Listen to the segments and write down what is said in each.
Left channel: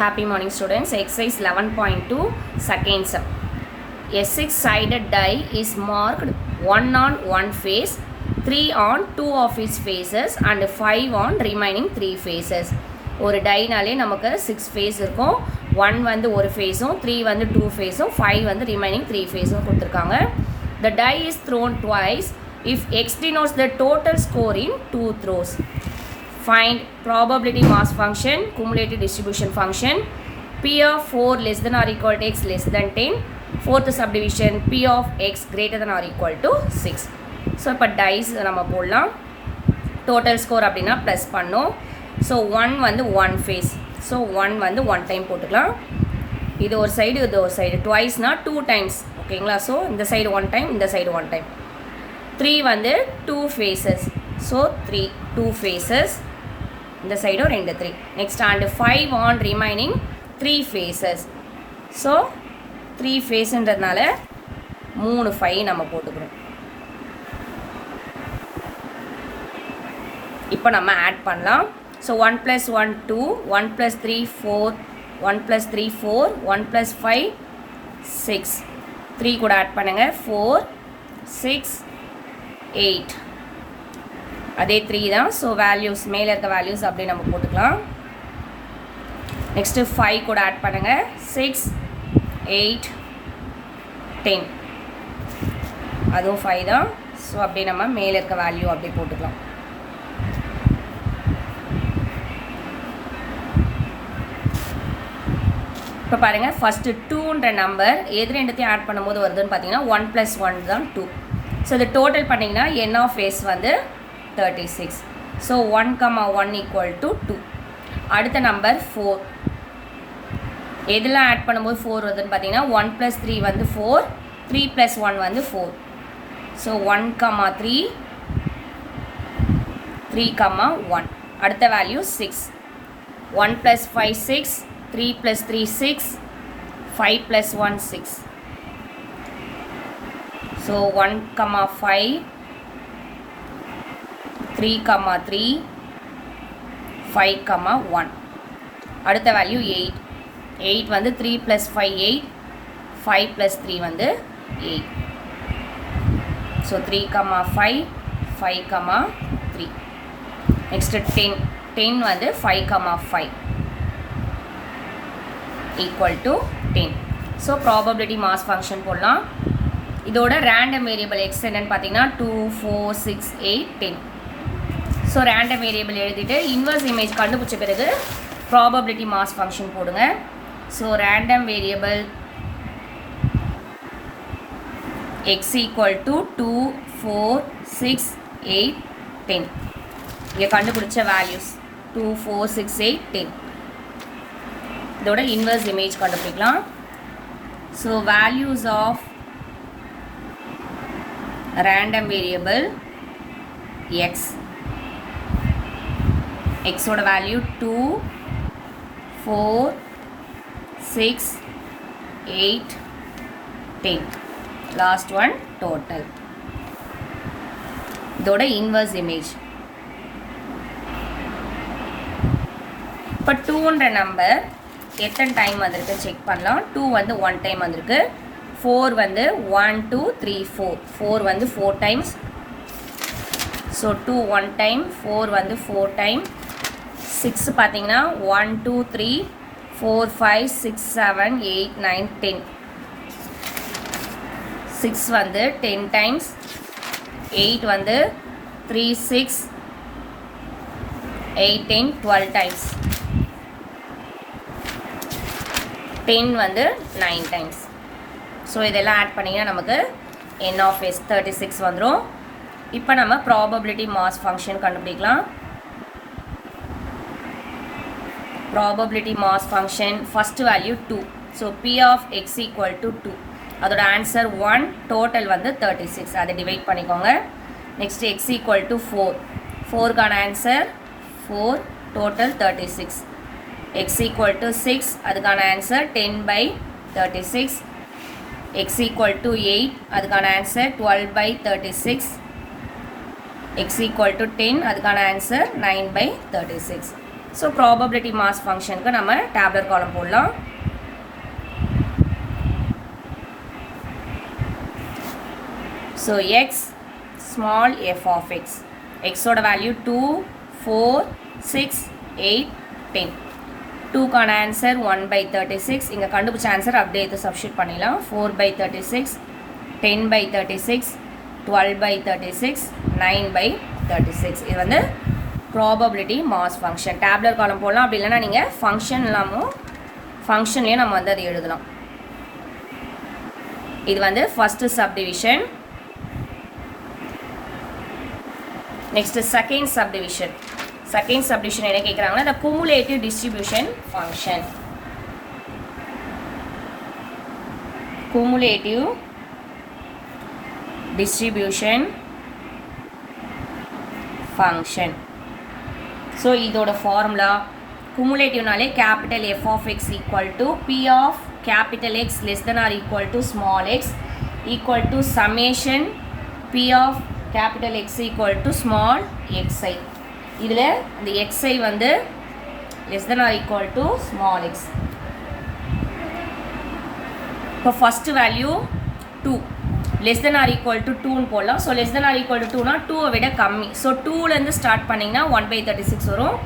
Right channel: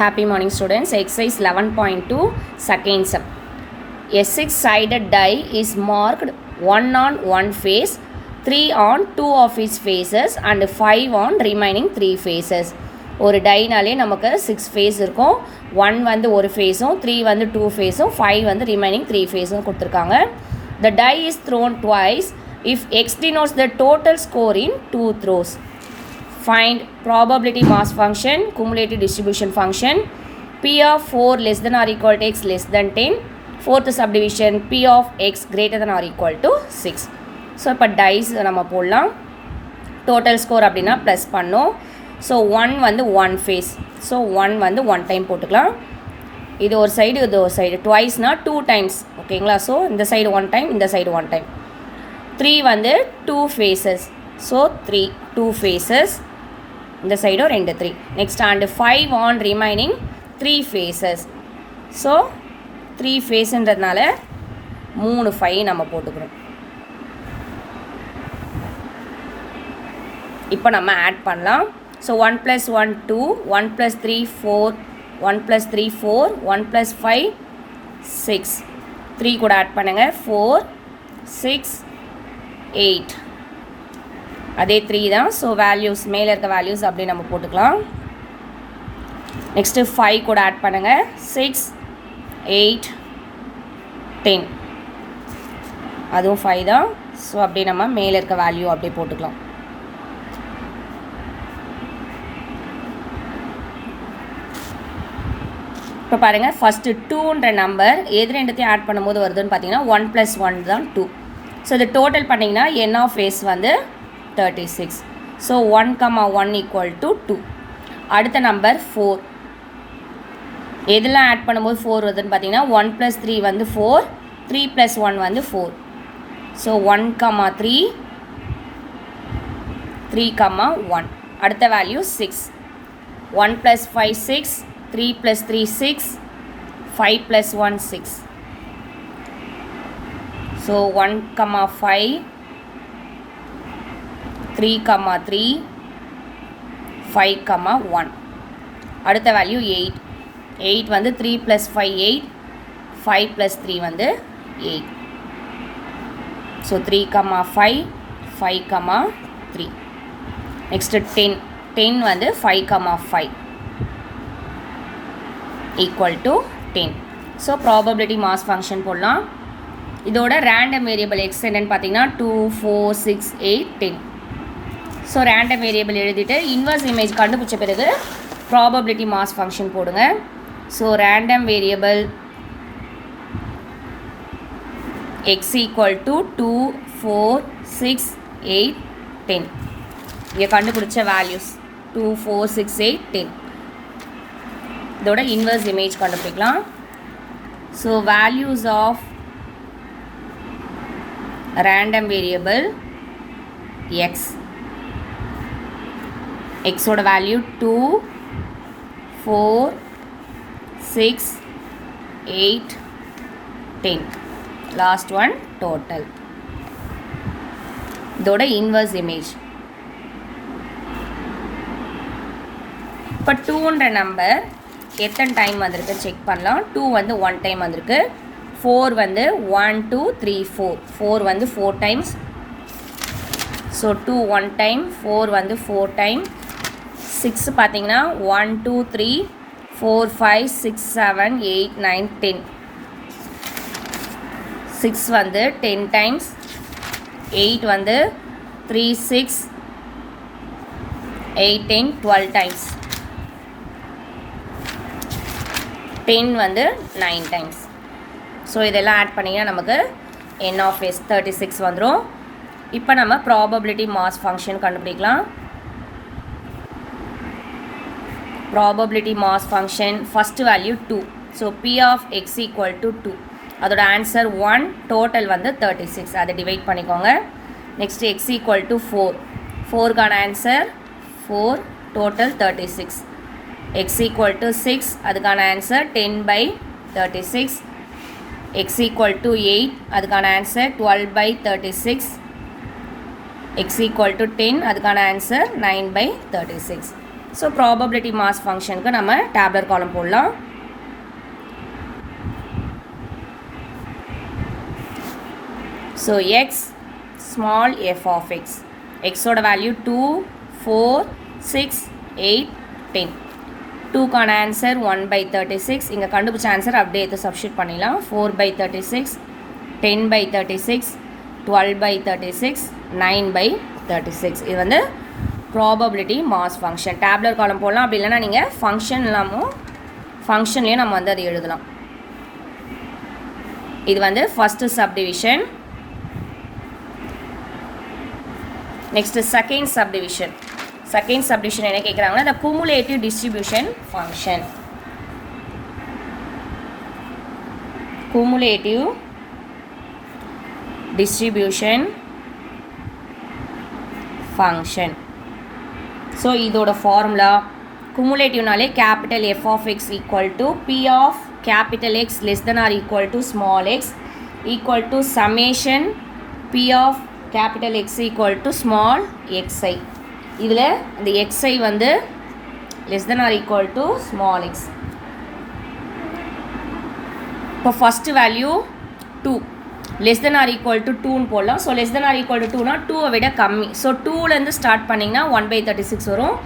Happy morning students. Exercise 11.2 second sub. A six-sided die is marked 1 on one face, 3 on 2 of its faces and 5 on remaining 3 faces. ஒரு டைனாலே நமக்கு 6 face இருக்கும். 1 வந்து ஒரு ஃபேஸும், 3 வந்து 2 ஃபேஸும், 5 வந்து remaining 3 ஃபேஸும் கொடுத்துருக்காங்க. The die is thrown twice if x denotes the total score in 2 throws. Find probability mass function, cumulative distribution function, P of 4 less than or equal to x less than 10, fourth subdivision P of x greater than or equal to 6. So இப்போ dies நம்ம போடலாம். Total score அப்படின்னா plus பண்ணோம். So 1 வந்து 1 face. So 1 வந்து 1 time போட்டுக்கலாம். இது ஒரு சைடு இது ஒரு சைடு ட்வைஸ்னால் 2 டைம்ஸ் ஓகேங்களா. ஸோ இந்த சைடு 1 டைம் இந்த சைடு 1 டைம். 3 வந்து 2 ஃபேஸஸ். So 2 faces. இந்த சைடும் 2 3. Next and 5 on remaining 3 faces. So 3 ஃபேஸுன்றதுனால 3 5 நம்ம போட்டுக்கிறோம். இப்போ நம்ம ஆட் பண்ணலாம். ஸோ 1 + 1 2, 1 + 3 4, 1 + 3 4, 1 + 5 6. 3 கூட ஆட் பண்ணுங்கள். 4 6 8. அதே 3 தான். ஸோ வேல்யூஸ் மேலே இருக்க வேல்யூஸ் அப்படியே நம்ம போட்டுக்கலாம். நெக்ஸ்ட்டு 5 கூட ஆட் பண்ணுங்கள். 6 8 10. அதுவும் 5 தான். ஸோ அப்படியே நம்ம மேலே இருக்க வேல்யூ அப்படியே போட்டுக்கலாம். இப்போ பாருங்கள், ஃபஸ்ட்டு 2ன்ற நம்பர் எது ரெண்டுத்தையும் ஆட் பண்ணும்போது வருதுன்னு பார்த்தீங்கன்னா 1 + 1 தான் 2. ஸோ இது டோட்டல் பண்ணிங்கன்னா n ஆஃப் s வந்து 36. ஸோ 1, 1 = 2. அடுத்த நம்பர் 4. எதெல்லாம் ஆட் பண்ணும்போது 4 வருதுன்னு பார்த்தீங்கன்னா 1 + 3 வந்து 4, 3 + 1 வந்து 4. ஸோ 1, 3, 3, 1. அடுத்த வேல்யூ 6. 1 + 5 6, 3 + 3 6, 5 + 1 6. ஸோ 1, 5, 3, 3, 5, 1. அடுத்த வேல்யூ 8. 8 வந்து 3 + 5 8, 5 + 3 வந்து 8. ஸோ 3, 5, 5, 3. நெக்ஸ்ட்டு 10. 10 வந்து 5, 5 = 10. ஸோ ப்ராபபிலிட்டி மாஸ் ஃபங்க்ஷன் போடலாம். இதோட ரேண்டம் வேரியபிள் எக்ஸ் என்னன்னு பார்த்தீங்கன்னா 2 4 6 8 10. ஸோ ரேண்டம் வேரியபிள் எழுதிட்டு இன்வர்ஸ் இமேஜ் கண்டுபிடிச்ச பிறகு ப்ராபபிலிட்டி மாஸ் ஃபங்க்ஷன் போடுங்க. So random variable X = 2 4 6 8 10. இங்கே கண்டுபிடிச்ச வேல்யூஸ் 2 4 6 8 10. இதோட இன்வர்ஸ் இமேஜ் கண்டுபிடிக்கலாம். So values of random variable x. x ஓட வேல்யூ 2 4 6 8 10. Last one total. இதோட இன்வர்ஸ் இமேஜ். இப்போ 2ன்ற நம்பர் எத்தனை டைம் வந்திருக்கு செக் பண்ணலாம். 2 வந்து 1 டைம் வந்திருக்கு. 4 வந்து 1 2 3 4. 4 வந்து 4 டைம்ஸ். ஸோ 2 1 டைம், 4 வந்து 4 டைம். 6 பார்த்தீங்கன்னா 1 2 3 4 5 6 7 8 9 10. 6 வந்து 10 டைம்ஸ். 8 வந்து 3 6 8 10 12 டைம்ஸ். 10 வந்து 9 டைம்ஸ். ஸோ இதெல்லாம் ஆட் பண்ணிங்கன்னா நமக்கு n ஆஃப் s 36 வந்துடும். இப்போ நம்ம ப்ராபபிலிட்டி மாஸ் ஃபங்க்ஷன் கண்டுபிடிக்கலாம். Probability mass function first value 2. So p of x = 2. அதோட ஆன்சர் 1, டோட்டல் வந்து 36. அதை டிவைட் பண்ணிக்கோங்க. Next x = 4. 4க்கான ஆன்சர் 4, டோட்டல் 36. x = 6, அதுக்கான ஆன்சர் 10/36. x = 8, அதுக்கான ஆன்சர் 12/36. x = 10, அதுக்கான ஆன்சர் 9/36. ஸோ ப்ராபபிலிட்டி மாஸ் ஃபங்க்ஷனுக்கு நம்ம டேப்லர் காலம் போடலாம். So x small f of x, எக்ஸோட வேல்யூ 2, 4, 6, 8, 10. 2க்கான ஆன்சர் 1/36. இங்கே கண்டுபிடிச்ச ஆன்சர் அப்படியே எடுத்து சப்ஸ்டியூட் பண்ணிடலாம். 4/36, 10/36, 12/36, 9/36. இது வந்து ப்ராபபிலிட்டி மாஸ் ஃபங்க்ஷன். டேப்லர் காலம் போடலாம். அப்படி இல்லைனா நீங்கள் ஃபங்க்ஷன் இல்லாமல் ஃபங்க்ஷன்லேயும் நம்ம வந்து அதை எழுதலாம். இது வந்து first subdivision. Next second subdivision. Second subdivision என்ன கேட்குறாங்கன்னா the cumulative distribution function. cumulative distribution function. So இதோட ஃபார்முலா cumulativeனாலே capital F of X equal to P of capital X less than or equal to small X equal to summation P of capital X equal to small X I. இதில் அந்த X I வந்து less than or equal to small X. இப்போ first value 2 less than or equal to 2ன்னு போடலாம். So less than or equal to 2னா 2வை விட கம்மி. ஸோ 2லேருந்து ஸ்டார்ட் பண்ணிங்கன்னா 1/36 வரும்.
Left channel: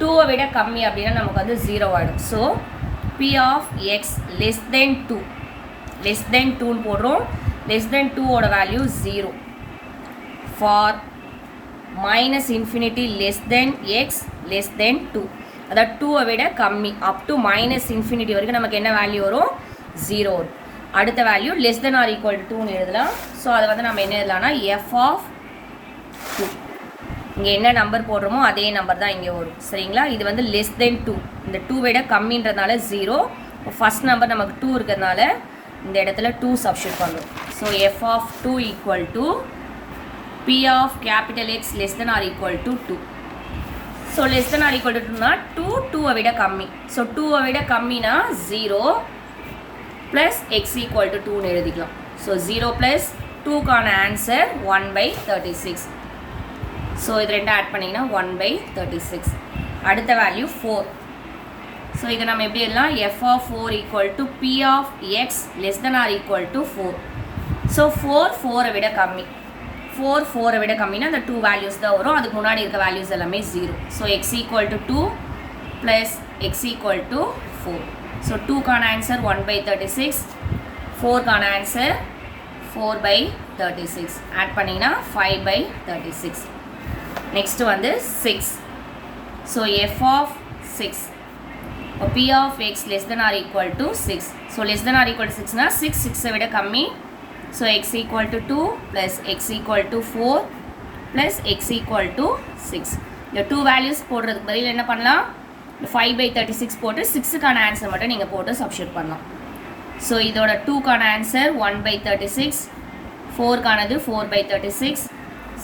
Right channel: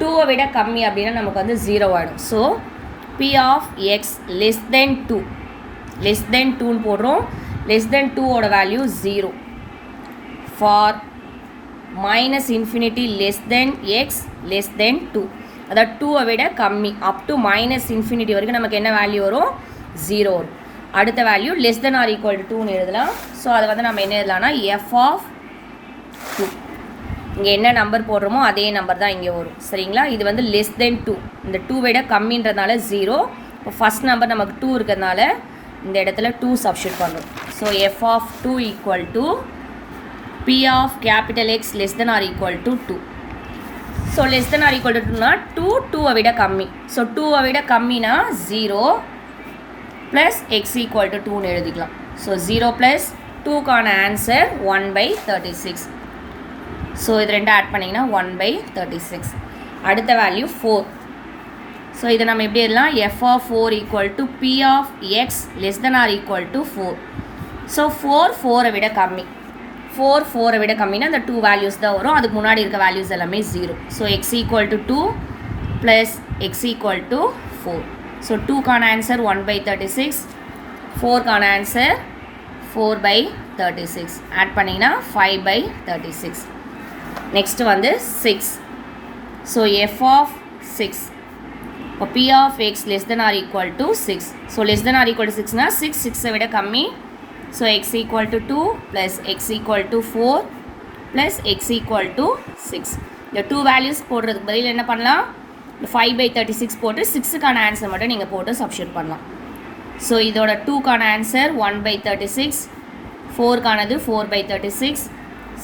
2வை விட கம்மி அப்படின்னா நமக்கு வந்து 0 ஆகிடும். So P of X less than 2, less than 2ன்னு போடுறோம். லெஸ் தென் 2ஓட value 0. For minus infinity less than X less than 2, அதாவது 2வை விட கம்மி அப் டு மைனஸ் இன்ஃபினிட்டி வரைக்கும் நமக்கு என்ன வேல்யூ வரும்? 0 வரும். அடுத்த value less than or equal to 2ன்னு எழுதலாம். ஸோ அதை வந்து நம்ம என்ன எழுதலாம்னா எஃப் ஆஃப் 2. இங்கே என்ன நம்பர் போடுறோமோ அதே நம்பர் தான் இங்கே வரும். சரிங்களா? இது வந்து லெஸ் தென் 2, இந்த 2 விட கம்மின்றதுனால 0. இப்போ ஃபஸ்ட் நம்பர் நமக்கு 2 இருக்கிறதுனால இந்த இடத்துல 2 சப்ஸ்டியூட் பண்ணுறோம். So F of 2 equal to P of capital X less than or equal to 2. So less than or equal to 2னா 2வை விட கம்மி. ஸோ 2வை விட கம்மினா 0 plus x equal to 2ன்னு எழுதிக்கலாம். ஸோ 0 plus 2க்கான ஆன்சர் 1/36. ஸோ இது ரெண்டு ஆட் பண்ணிங்கன்னா 1/36. அடுத்த வேல்யூ 4. ஸோ இதை நம்ம எப்படி எழுதலாம்? F of 4 equal to P of X less than or equal to 4. So 4வை விட கம்மி. 4வை விட கம்மினா அந்த 2 வேல்யூஸ் தான் வரும். அதுக்கு முன்னாடி இருக்க வேல்யூஸ் எல்லாமே 0. So X equal to 2 plus X equal to 4. So 2க்கான ஆன்சர் 1/36, 4க்கான ஆன்சர் 4/36. ஆட் பண்ணிங்கன்னா 5/36. நெக்ஸ்ட் வந்து 6. So F of 6. இப்போ P of X less than or equal to 6. So less than or equal to 6னா 6வை விட கம்மி. So x equal to 2 plus x equal to 4 plus x equal to 6. இந்த 2 values போடுறதுக்கு பதில் என்ன பண்ணலாம்? 5/36 போட்டு 6க்கான ஆன்சர் மட்டும் நீங்கள் போட்டு சப்ஸ்டியூட் பண்ணலாம். ஸோ இதோட 2க்கான ஆன்சர் 1/36, 4க்கானது 4/36,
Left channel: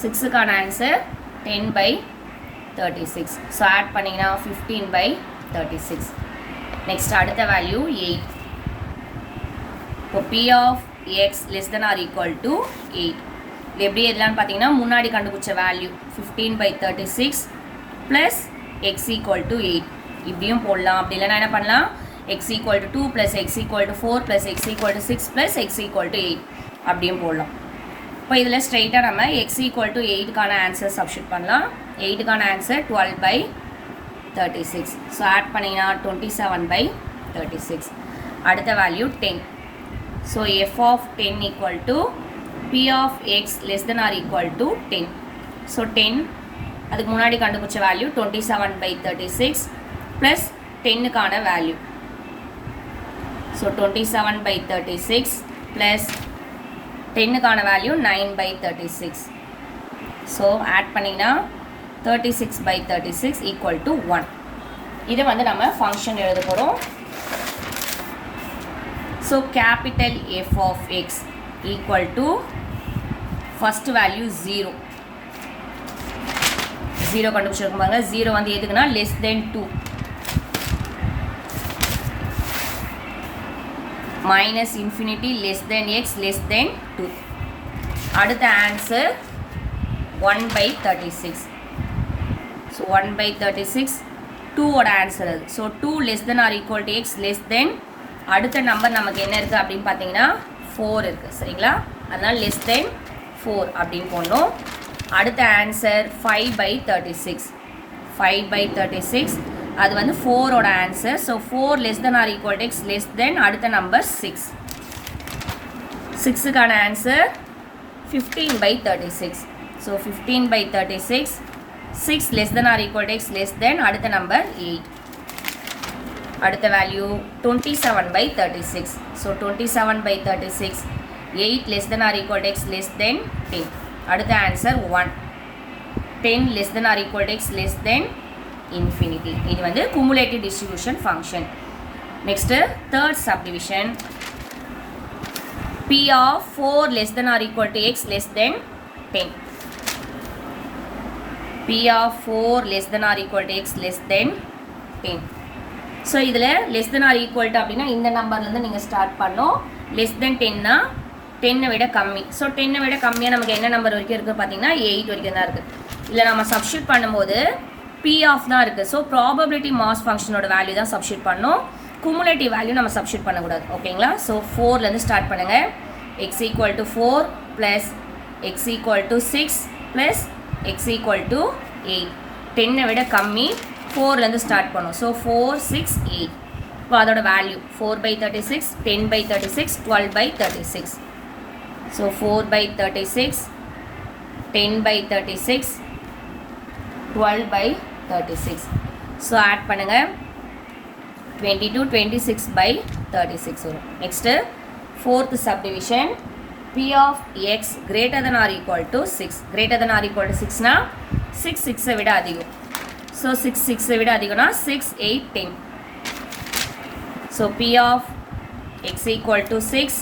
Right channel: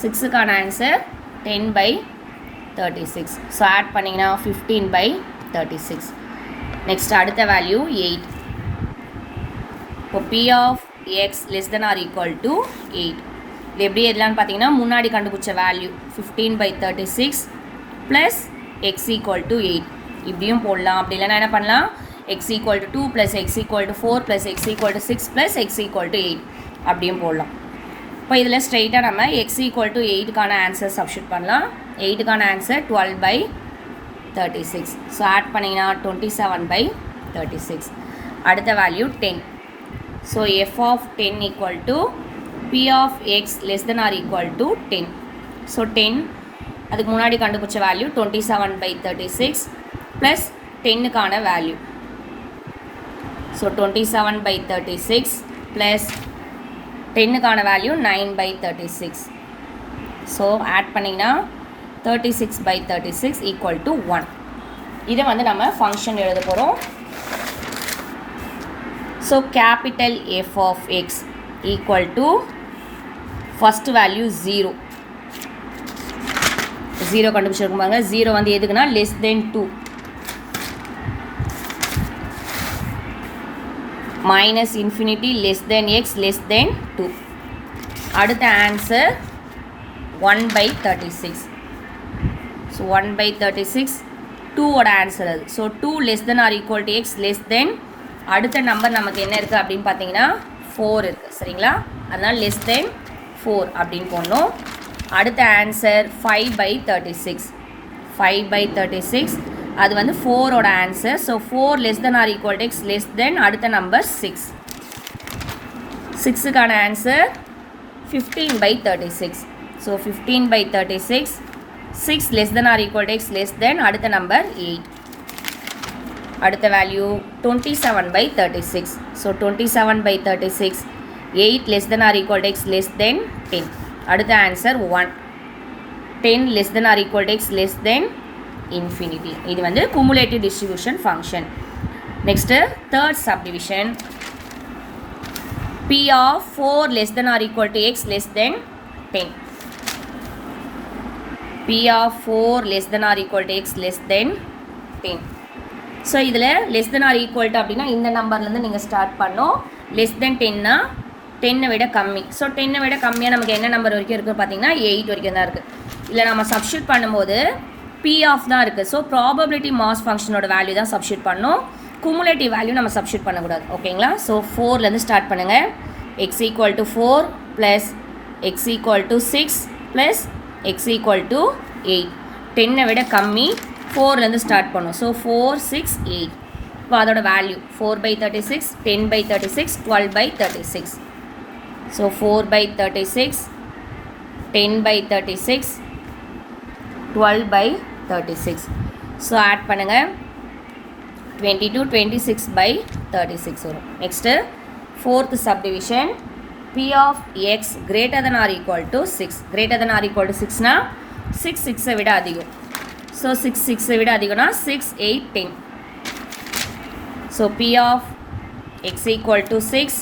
6க்கான ஆன்சர் 10/36. ஸோ ஆட் பண்ணிங்கன்னா 15/36. நெக்ஸ்ட் அடுத்த வேல்யூ 8. இப்போ P of x less than or equal to 8. இது எப்படி எதுலான்னு பார்த்தீங்கன்னா முன்னாடி கண்டுபிடிச்ச value 15/36 plus x equal to 8 இப்படியும் போடலாம். அப்படி இல்லைனா என்ன பண்ணலாம்? x equal to 2 plus x equal to 4 plus x equal to 6 plus x equal to 8 அப்படியும் போடலாம். இப்போ இதில் ஸ்ட்ரெயிட்டாக நம்ம x equal to 8க்கான ஆன்சர் சப்ஸ்டியூட் பண்ணலாம். 8க்கான ஆன்சர் 12/36. ஸோ ஆட் பண்ணிங்கன்னா 27/36. அடுத்த value 10. So f of 10 equal to p of x less than or equal to 10. So 10 அதுக்கு முன்னாடி கண்டுபிடிச்ச வேல்யூ 27/36 plus 10க்கான வேல்யூ. So 27/36 plus 10க்கான வேல்யூ 9/36. So ஆட் பண்ணிங்கன்னா 36/36 equal to 1. இதை வந்து நம்ம ஃபங்க்ஷன் எழுத போகிறோம். So capital F of x equal to first value 0. 0 கண்டுபிடிச்சிருக்கும் பாருங்க. 0 வந்து எதுக்குன்னா less than 2. minus infinity less than x less than 2. அடுத்த ஆன்சர் 1/36. So 1/36 2ஓட ஆன்சர் அது. So 2 less than or equal to x less than அடுத்த number நமக்கு என்ன இருக்குது அப்படின்னு பார்த்தீங்கன்னா 4 இருக்குது. சரிங்களா? அதனால் less than 4 அப்படின்னு போடணும். அடுத்த ஆன்சர் 5/36. 5/36 அது வந்து 4ஓட answer. So 4 less than or equal to x less than அடுத்த number 6. 6க்கான answer 15/36. So 15/36 6 less than or equal to x less than அடுத்த நம்பர் 8. அடுத்த value 27/36. So 27/36 8 less than or equal to x less than 10. அடுத்த answer 1. 10 less than or equal to x less than infinity. இது வந்து cumulative distribution function. Next third subdivision. P of 4 less than or equal to x less than 10. P of 4 less than or equal to x less than 10. So இதில் less than or equal to அப்படின்னா இந்த நம்பர்லேருந்து நீங்கள் start பண்ணோம். Less than 10னா 10 விட கம்மி. So 10 விட கம்மியாக நமக்கு என்ன நம்பர் வரைக்கும் இருக்குது பார்த்தீங்கன்னா 8 வரைக்கும் தான் இருக்குது. இதில் நம்ம சப்ஸ்டியூட் பண்ணும்போது P ஆஃப் தான் இருக்குது. ஸோ ப்ராபபிலிட்டி மாஸ் ஃபங்க்ஷனோட வேல்யூ தான் சப்ஸ்டியூட் பண்ணணும். குமுலேட்டிவ் வேல்யூ நம்ம சப்ஸ்டியூட் பண்ணக்கூடாது. ஓகேங்களா? ஸோ 4லேருந்து ஸ்டார்ட் பண்ணுங்கள். x equal to 4 plus x equal to 6 plus x equal to 8. 10 விட கம்மி. 4லேருந்து ஸ்டார்ட் பண்ணோம். ஸோ 4 6 8. இப்போ அதோட வேல்யூ 4/36 10/36 12/36. ஸோ 4/36 10/36 12/36. ஸோ ஆட் பண்ணுங்கள். 22 26/36 வரும். Next fourth subdivision. P of x greater than or equal to 6. greater than or equal to 6னா 6 6 விட அதிகம். So 6 6 விட அதிகம்னா 6 8 10. So P of x equal to 6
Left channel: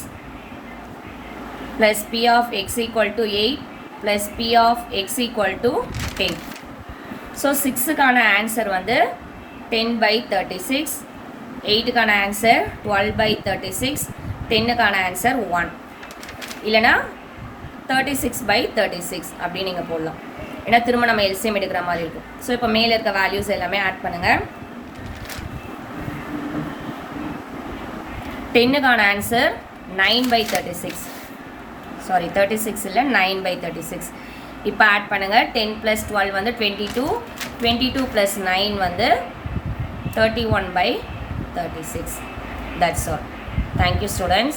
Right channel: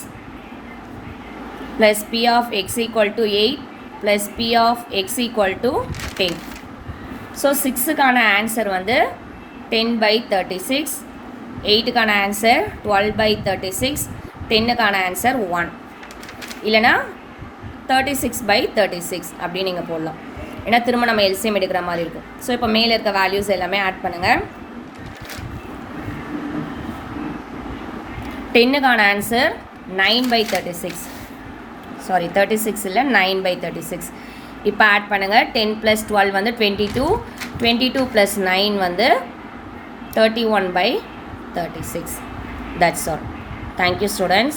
plus P of x equal to 8 plus P of x equal to 10. So 6க்கான answer வந்து 10/36. 8க்கான answer 12/36. 10க்கான answer 1 இல்லைனா 36/36 அப்படின்னு நீங்கள் போடலாம். ஏன்னா திரும்ப நம்ம எல்சிஎம் எடுக்கிற மாதிரி இருக்கும். ஸோ இப்போ மேலே இருக்க வேல்யூஸ் எல்லாமே ஆட் பண்ணுங்கள். 10க்கான ஆன்சர் 9/36. சாரி 36 இல்லை 9/36. இப்போ ஆட் பண்ணுங்கள். 10 + 12 வந்து 22. 22 + 9 வந்து 31/36. That's all. Thank you students.